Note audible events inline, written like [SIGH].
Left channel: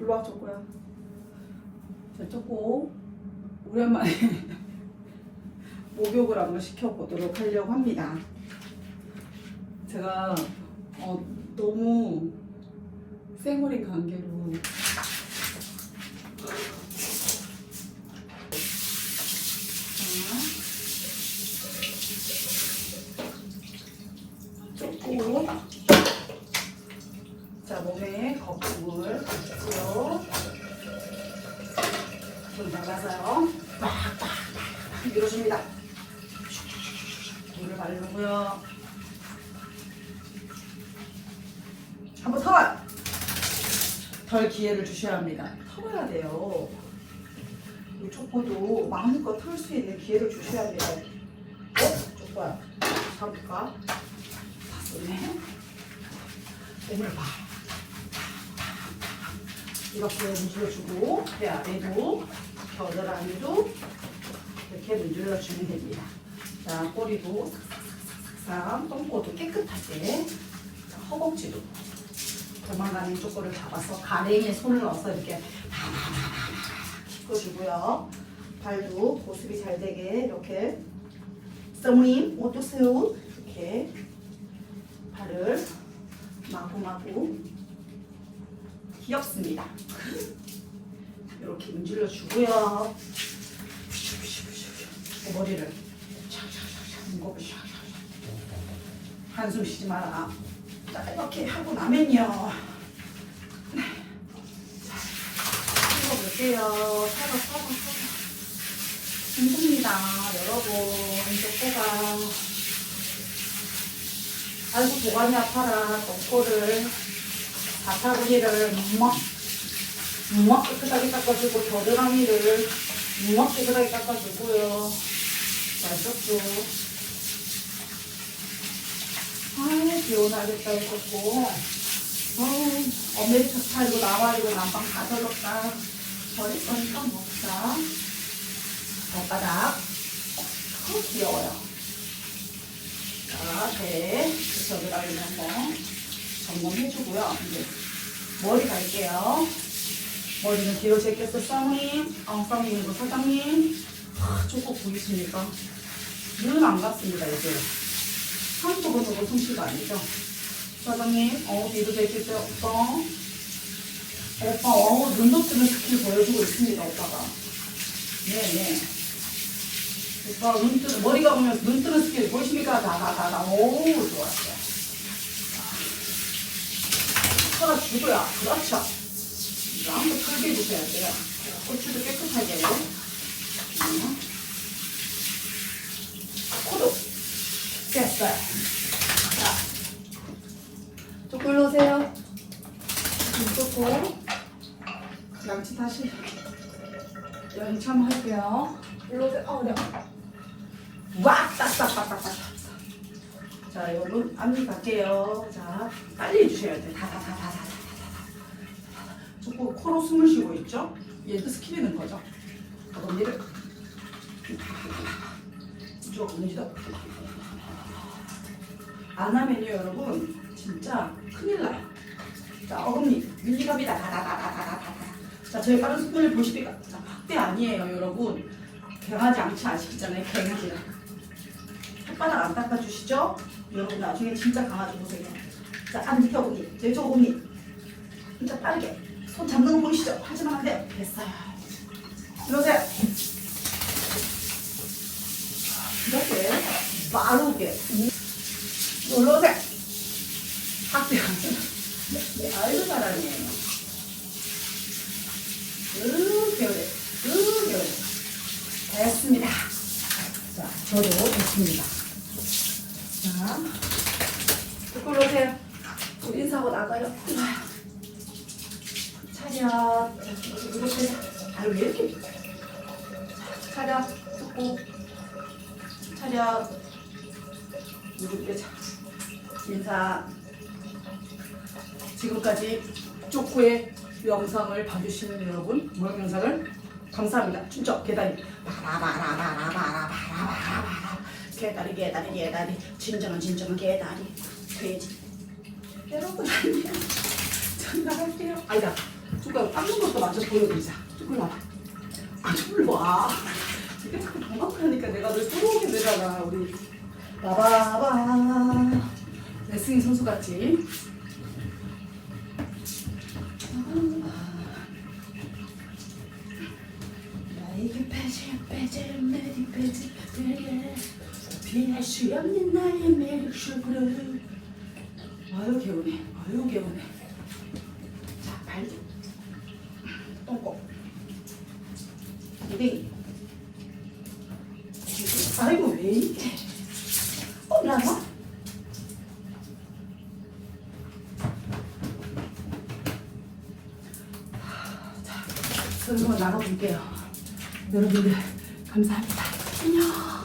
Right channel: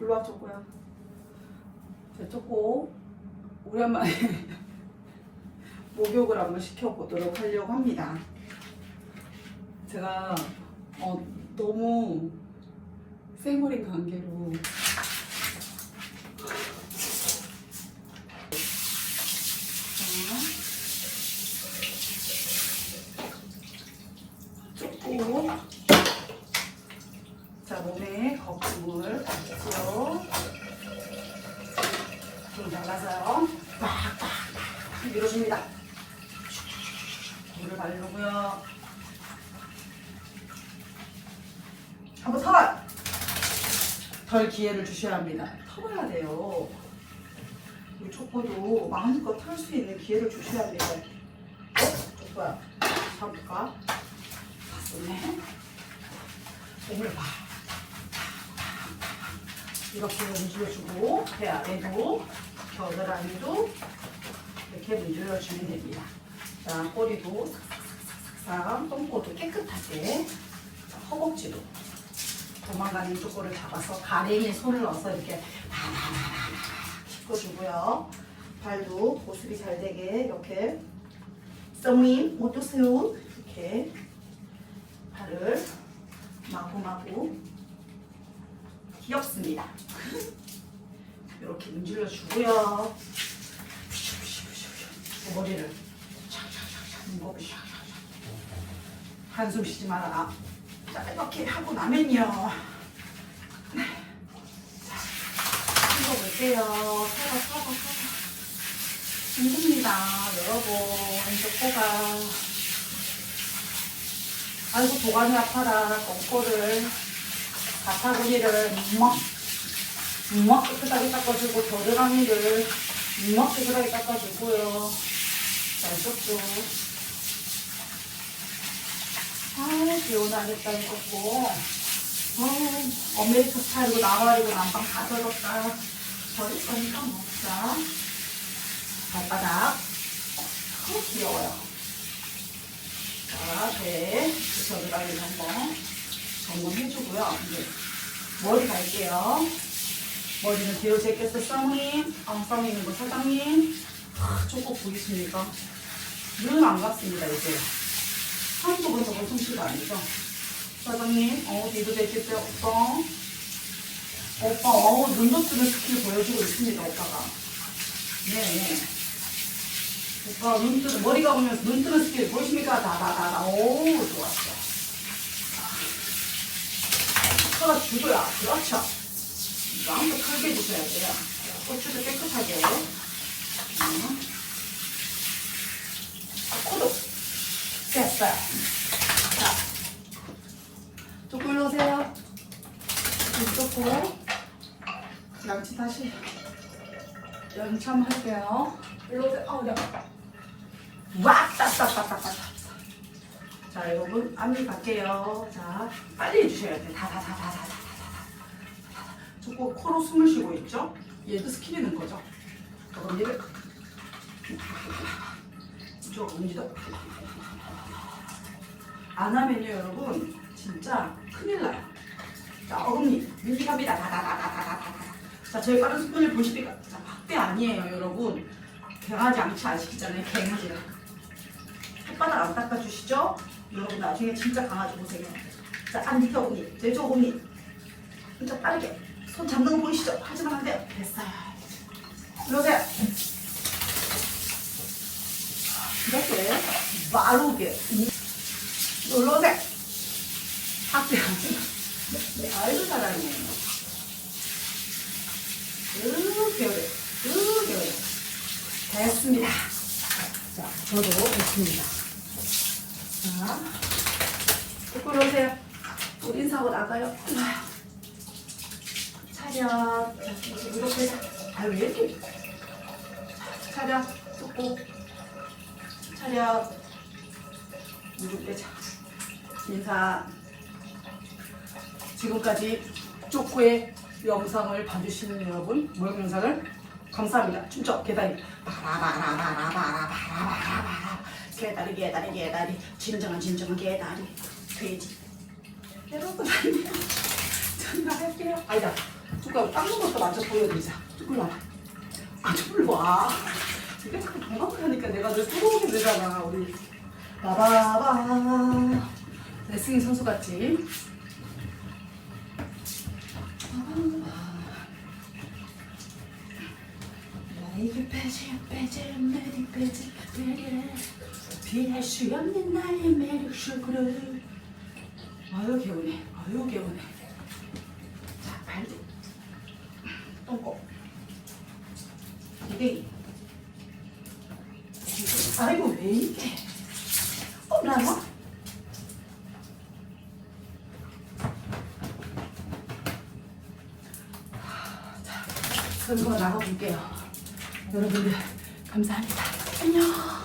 일로와 쪼꼬야. 자, 쪼꼬 오랜만에 [LAUGHS] 목욕을 한번 시켜보도록 하려고 합니다. 제가 어, 너무 생얼인 관계로 자, 쪼꼬 자, 몸에 거품을 받고요. 좀 발라서요. 팍팍팍 밀어줍니다. 물을 바르고요. 한번 털! 털 기회를 주셔야 합니다. 털어야 돼요. 이 초코도 마음껏 털 수 있는 기회를 주셔야 돼요. 어? 초코야. 잡을까? 손에 몸을 봐. 이렇게 문질러주고 배 아래도 겨드랑이도 이렇게 문질러주면 됩니다. 자 꼬리도 싹싹싹 똥꼬도 깨끗하게 자, 허벅지도 도망가는 쪽거를 잡아서 가랭이에 손을 넣어서 이렇게 짚어주고요. 발도 보습이 잘 되게 이렇게 썸님 어떠세요? 이렇게 발을 마구마구 귀엽습니다. 이렇게 문질러 주고요. 머리를 한숨 쉬지 말아라. 자 이렇게 하고 나면요. 찍어볼게요. 서로 서로 힘듭니다. 여러분 쪼꼬가 아이고 도가니 아파라 똥꼬를 가파구리를 막, 막 깨끗하게 닦아주고 겨드랑이를 막 깨끗하게 닦아주고요. 잘했었죠. 아유 비오나겠다 이거고. 아유 아메리카 스타일로 나와가지고 난방 다 젖었다. 버릴 거니까 먹자. 발바닥. 어, 귀여워요. 자, 배 겨드랑이 한번 점검해주고요. 이제 머리 갈게요. 머리는 뒤로 제꼈어, 사모님. 아, 사모님, 뭐 사장님. 아, 조금 보이십니까? 눈안 같습니다, 이제. 한두 번 더고 솜씨가 아니죠. 사장님, 어, 뒤로 제꼈어요, 오빠. 오빠, 어, 눈도 뜨는 스킬 보여주고 있습니다, 오빠가. 네, 네. 오빠, 눈 뜨는, 머리가 오면서 눈 뜨는 스킬 보이십니까? 다, 다, 다, 다. 오, 좋았어요. 털어 주고요. 그렇죠. 이거 한번 크게 주셔야 돼요. 고추도 깨끗하게. 음. 코도 됐어요. 자, 조금 오세요. 이쪽고 양치 다시 연참 할게요. 일로 오세요. 어, 네. 왁! 따따따따따. 자, 여러분, 안을 갈게요. 자, 빨리 해주셔야 돼요. 다, 다, 다, 다, 다, 다, 다, 다. 자꾸 코로 숨을 쉬고 있죠? 얘도 스키리는 거죠. 그럼 얘를 이쪽 문지도 안 하면요, 여러분, 진짜 큰일 나요. 자, 어금니 밀리갑니다. 다, 다, 다, 다, 다, 다, 다. 자, 저희 빠른 스푼을 보시니까 자, 확대 아니에요, 여러분. 개가지 양치 안 시키잖아요, 개가지를. 혓바닥 안 닦아주시죠? 여러분 나중에 진짜 강아지 보세요. 자, 안 밑에 어금니, 왼쪽 어금니. 진짜 빠르게. 손 잡는 거 보이시죠? 하지만 안 돼요. 됐어요. 이러세요. 이렇게 빠르게. 눌러세요. 네, 알도 잘하네요. 으, 배우래. 으, 배우래. 됐습니다. 자, 저도 됐습니다. 자, 이쪽으로 오세요. 저 인사하고 나가요. 차렷. 아유, 왜 이렇게. 차렷. 쏟고. 차렷. 이렇게 자. 인사. 지금까지 쪼꼬의 영상을 봐주시는 여러분, 모욕 영상을 감사합니다. 춤춰 계단이 바라바라바라바라바라바라 개다리 개다리 개다리 진정한 진정한 개다리 돼지 여러분 안녕 장난할게요. 아니다. 누가 닦는 것도 먼저 보여드리자. 쭉 올라와. 아, 좀 올라와. 이렇게 도망가니까 내가 늘 부러우게 되잖아, 우리. 바바바. 레슬링 선수 같지? 나에게 빼지 빼지 매디 빼지 그래 피할 수 없는 나의 매력 쇼크로 아유 개운해 아유 개운해 자 발도 똥꼬 기대기 아이고 왜 이렇게 어 나나? 자, 그리고 나가볼게요. 여러분들 감사합니다. 안녕.